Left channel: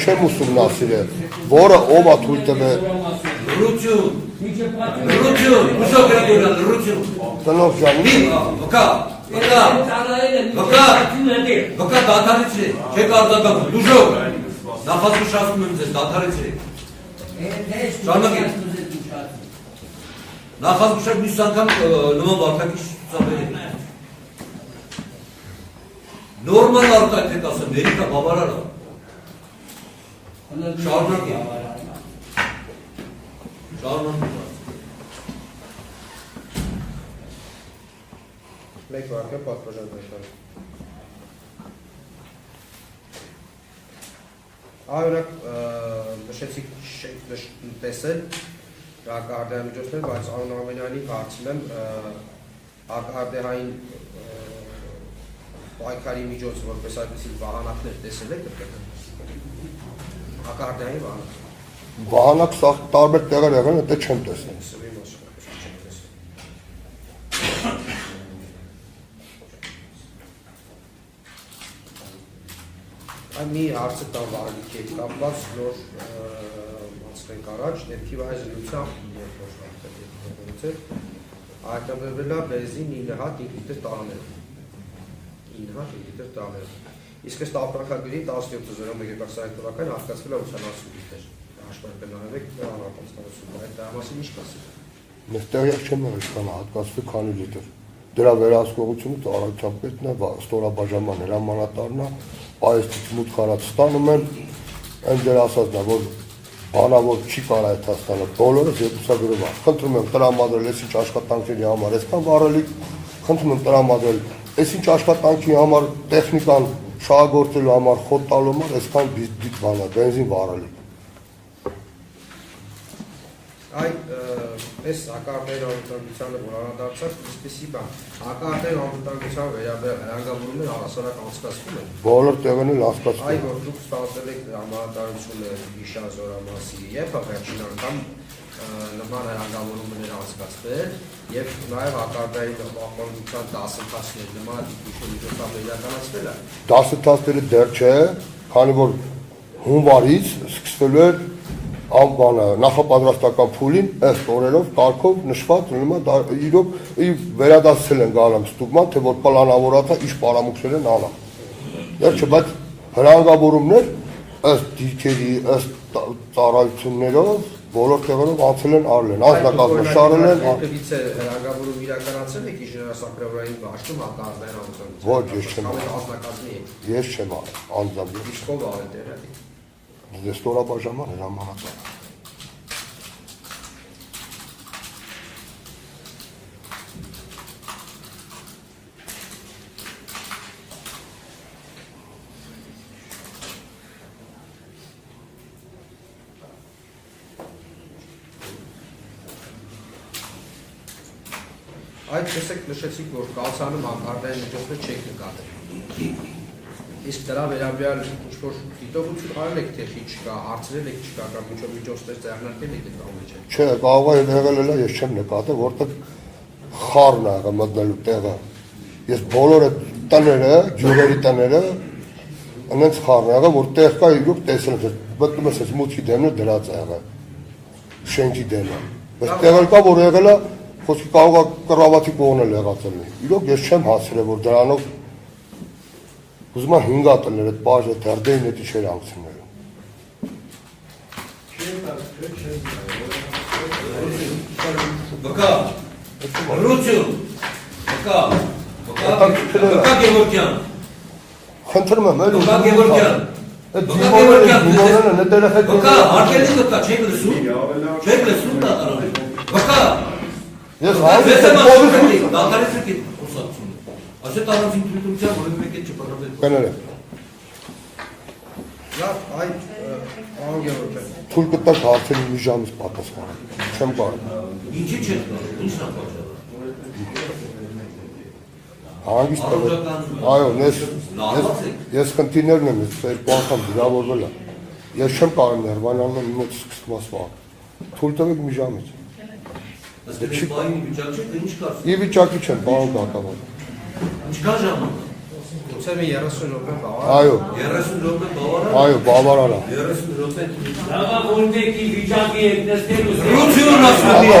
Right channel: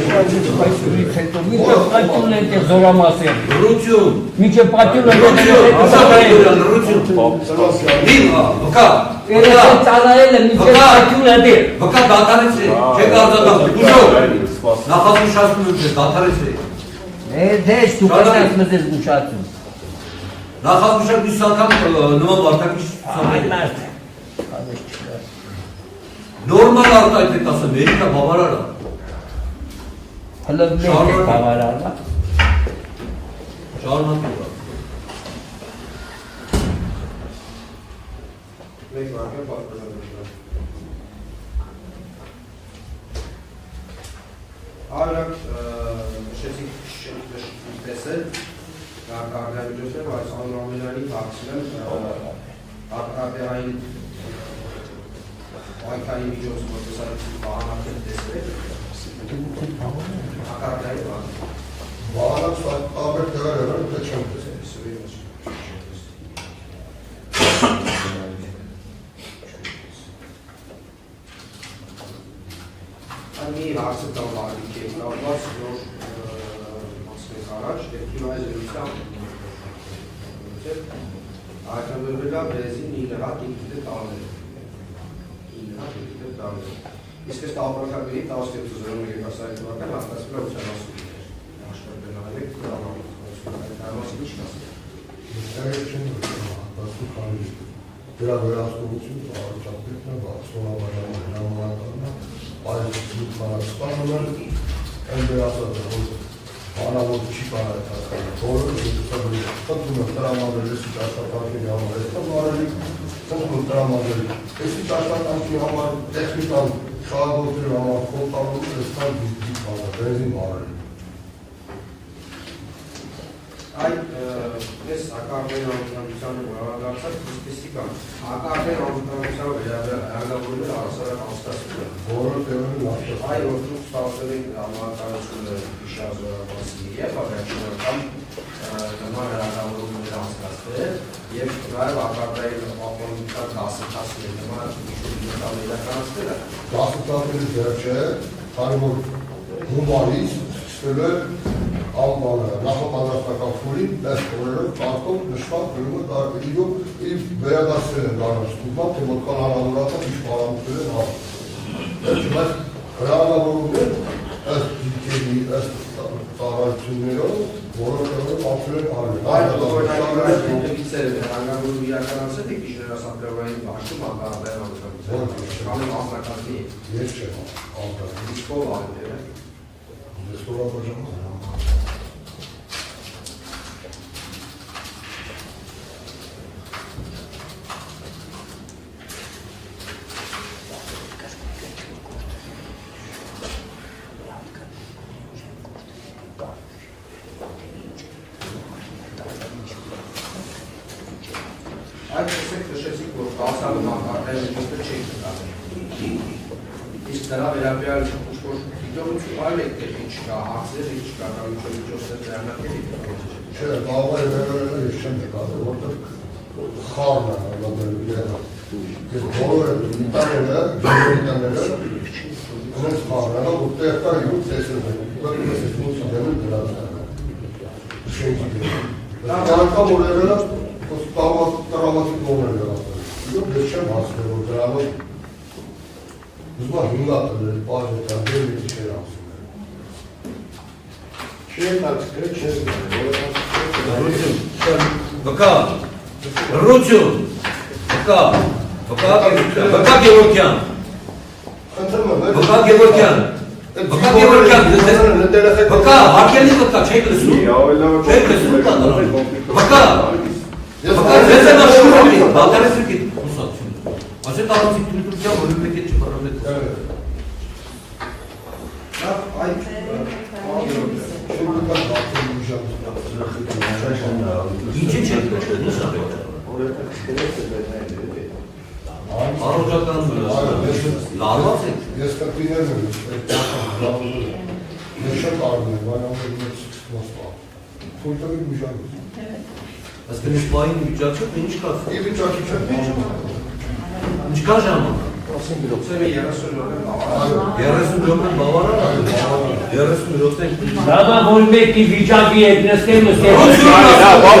չեմ ուսումնասիրել, որը ով է զորամասեր։ Ռություն։ Միջը պատյուն է ծառայել է միջը պատյուն է դեր։ Բկա դատարեցրի, չեք արձակապ, ուժով, նախազուշացնում եմ չեք, դատարեցրի։ Դեշ դու կայնաց մզես գուշացում։ Նախազուշակ մյուս անգամ նման վարկակի նորմալ արտայթ եք ասեմ, երիկա բավարար է։ Հլվնեք է բավարար է։ Շարնան ուրա։ Մեկ վարկը պատվելավեշներ։ Արակ նշեցիք տեսել կարգարդայամիջոցներ, բայց անուամենալի հարցել եմ ակարդեային այքայի միջոց, որ տեսարեցիք վահանակներ տեսել եք, ակարդեային վահանակ։ Վահանակ տարբեր տեղեր եղան, դա չեմ տեսել։ Մի հարցը տան վարդիք է կապված, որ մասխենք առաջ, երկի այս լույցավ այդամերվելա բեզին 9 հատ եկիտ է տանել։ 9 հատ եկիտ է տանել։ Իսկ ես տաղմրակագրի 17.0 թվական հաստացվել է ուսանասուններ։ Աշտարպել նահարեք կրավապացանություն, այդ դարվասի միշտ ասել։ Մեզ տեղիք չեմ նորիստան հատկացու քանի լիտր։ Դրա վերահսկողությունից առաջապետն է, ստորաբաժանման հրամանատարն է, այս մուտք արած ստանում են, այն դեր ասածն է, որ բանավոր չի կարա այդ հասկանը, բոլորը երկուսագրում է։ Խնդրում եմ տրամադրել, ես ինչ աշխատանքի համար, այսքան վարելի, խնդրում եմ տրամադրել, ես ինչ աշխատանքի համար, տեխնիկան շահագործելու համար, խոտ տալու համար, այսքան բան է, բենզին վարելի։ Այդ պես հակարդային անվտանգությանը բարադարձած իսպիսի բան, հակարդային անվտանգությանը վերաբերյալ հասարակ անցկացվում է։ Բոլոր տեղերն են անցկացվում։ Այ որ դուք ստացել եք համարտադրությունը Իշազորավասի եւ առաջին անգամ նման հրաժարություններ անցկացրել եւ նաեւ հակարդային ապահովության դասընթացների նման իրականացնել է։ Դասընթացները դեռ չէ, քանի որ հունվարից սկսվել է անբանը նախապատրաստական փուլին ըստ օրերով կարգով նշված իրոք վերադարձել են գարամ ստուգման, թե որ պլանավորած է ինչ պարամունքներ են անում։ Դեռ չէ, բայց հրանգավորումներ ըստ դիրքերի, ըստ ծառայություններով բոլոր տեղերով անցել են արել են, անձնակազմը շարել են։ Հրանգավորում իրականացել եք ինժեներասապերային բաշտում հակարդային անվտանգություն։ Ոչ, ես չեմ անձնակազմի։ Ես ստորաբաժանման հրամանատար։ Այդ տեսեք նշեցիք, որ կասանում հակարդային միջոցներ չեք նկատել։ Իսկ դրա վերաբերյալ ինչ-որ դիտողություն արել եք, թե ինչ կա, հարցրել եք, ինչ կա, կամ ինչ-որ միջոցներ ձեռնարկել եք։ Չէ, կարող է եղել է, ես չեմ նկատել, որտեղ խառն է մտնելու տեղը։ Ես բոլորը տները, ջուրերի տները, այնց խառն է եղել, որ տեղ կա իրոք տեսել եմ։ Մտնում ես մուտքի դեմը դրած է եղել, շենքի դեմը։ Բայց տեղը կա, որ եղել է, խոսքի կարող է կռավատի կողմն եղածել։ Իրոք ես չեմ հասցրել, որ դրանով ուզում եմ 5 տներ այդ բաժը դերդեին էտի չէր անցնում։ Բկա, ռություն, բկա Գևորգյան, Խնդրում եմ, բկա Գևորգյան, բկա, հարկելի բկա, չէի լսում, բկա, ես եմ աշուրհալի, դալարեսը կետ, ասեք առանցիկ թույլության, որ իմեք է չպարավետ։ Կներեք։ Այդ անգերոտ է։ Թույլ կտակ արդեն մի ժամից պատասում, չեմ բան։ Ինչի չեք, Ես խնդիրներն եմ երկու անգամ վիրավորվել եմ։ Ես չեմ կարող վայրաններ իմոց սկսված վաղ։ Թույլ տվեք մի ժամից։ Ասկեն մի պահին վիճակը, ինչ կա։ Մի վիճակի չեմ, բան բակալում։ Ինչ կա ժամանակ։ Գուցե մի 30 րոպե բավարար։ Այո, 30 րոպե բավարար։ այո, բավարար է։ 30 րոպե։ Դավա որ մեկի վիճակի հետ նստեմ ու Ռուսիոն ասում է,